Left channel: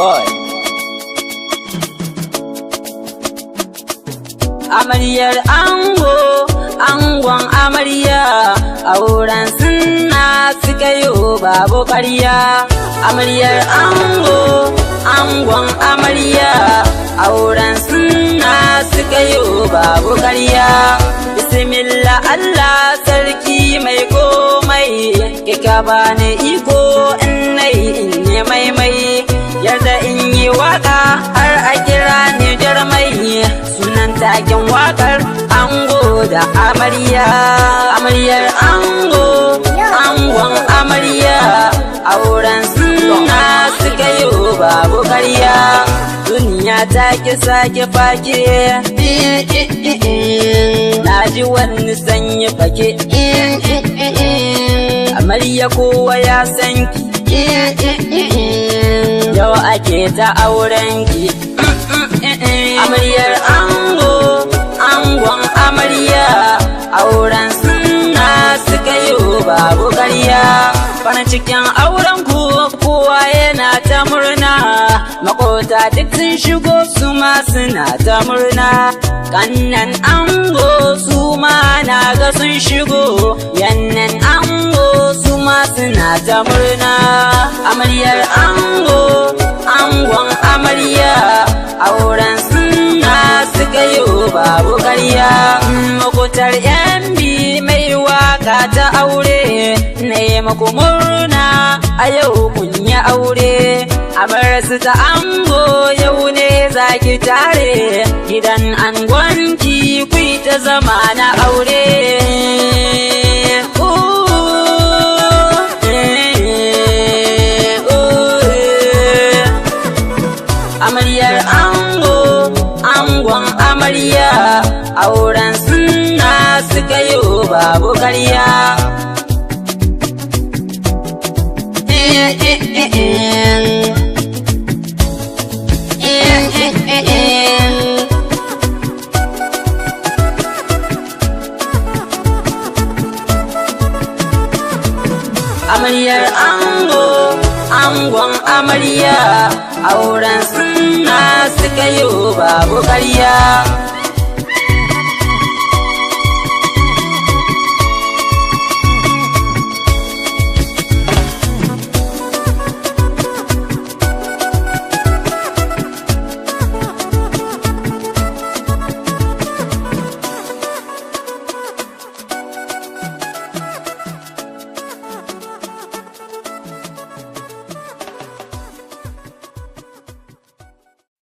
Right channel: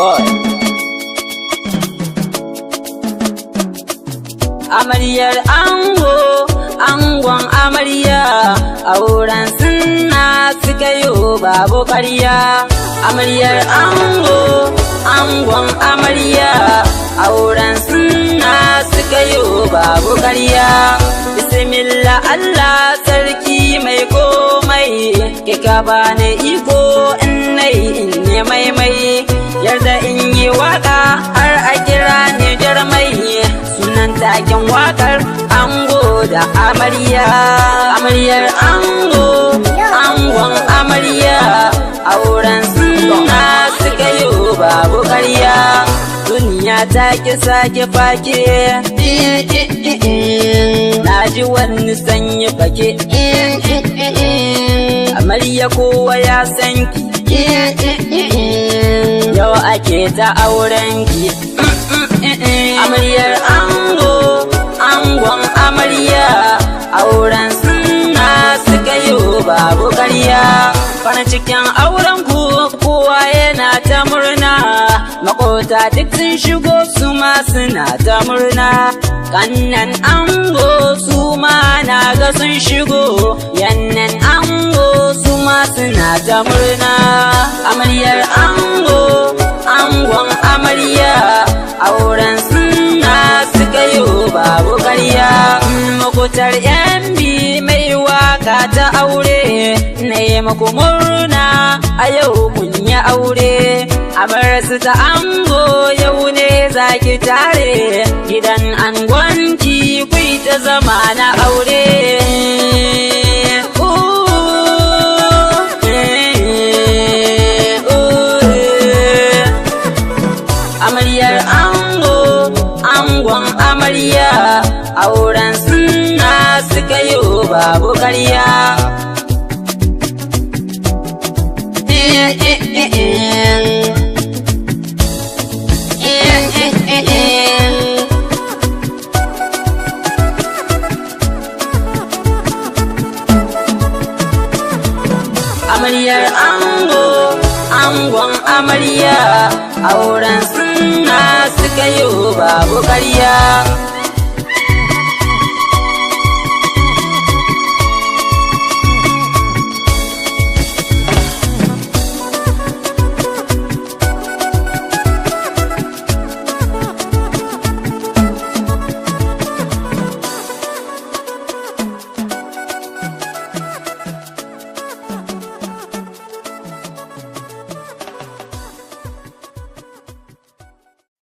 boy. Amaryar ango, angon amarya, auren sunna suka yi babu ƙarya. Amaryar ango, angon amarya, auren sunna suka yi babu ƙarya. Bismillah Allah sarki mai komai, kika bani iko in yi maimai, yarda in yi waka har a kira ni jarmai. Sunan taken wakar ango da amarya. Amaryar ango, angon amarya, auren sunna suka yi babu ƙarya. Duniya ta ki sake fake, na ji wani sanyi fake. Amarya kowa ya san ki, yau ake ta auren ki. Amaryar ango, angon amarya, auren sunna suka yi babu ƙarya. Farin cikin auren ku kowa yana ta murna, makota duk sun shigo su ma suna ta murna. Kannan ango su ma na ga sun shigo, yannan ango su ma suna ta murna. Amaryar ango, angon amarya, auren sunna suka yi babu ƙarya. Makotar yan bi mai waka ta aure, na yi maku murna a yau kun yi aure. Amarsu ta ango yau ne za ki tare, gidan angonki ku ta zama na aure. Amaryar ango, angon amarya, auren sunna suka yi babu ƙarya. Amaryar ango, angon amarya, auren sunna suka yi babu ƙarya.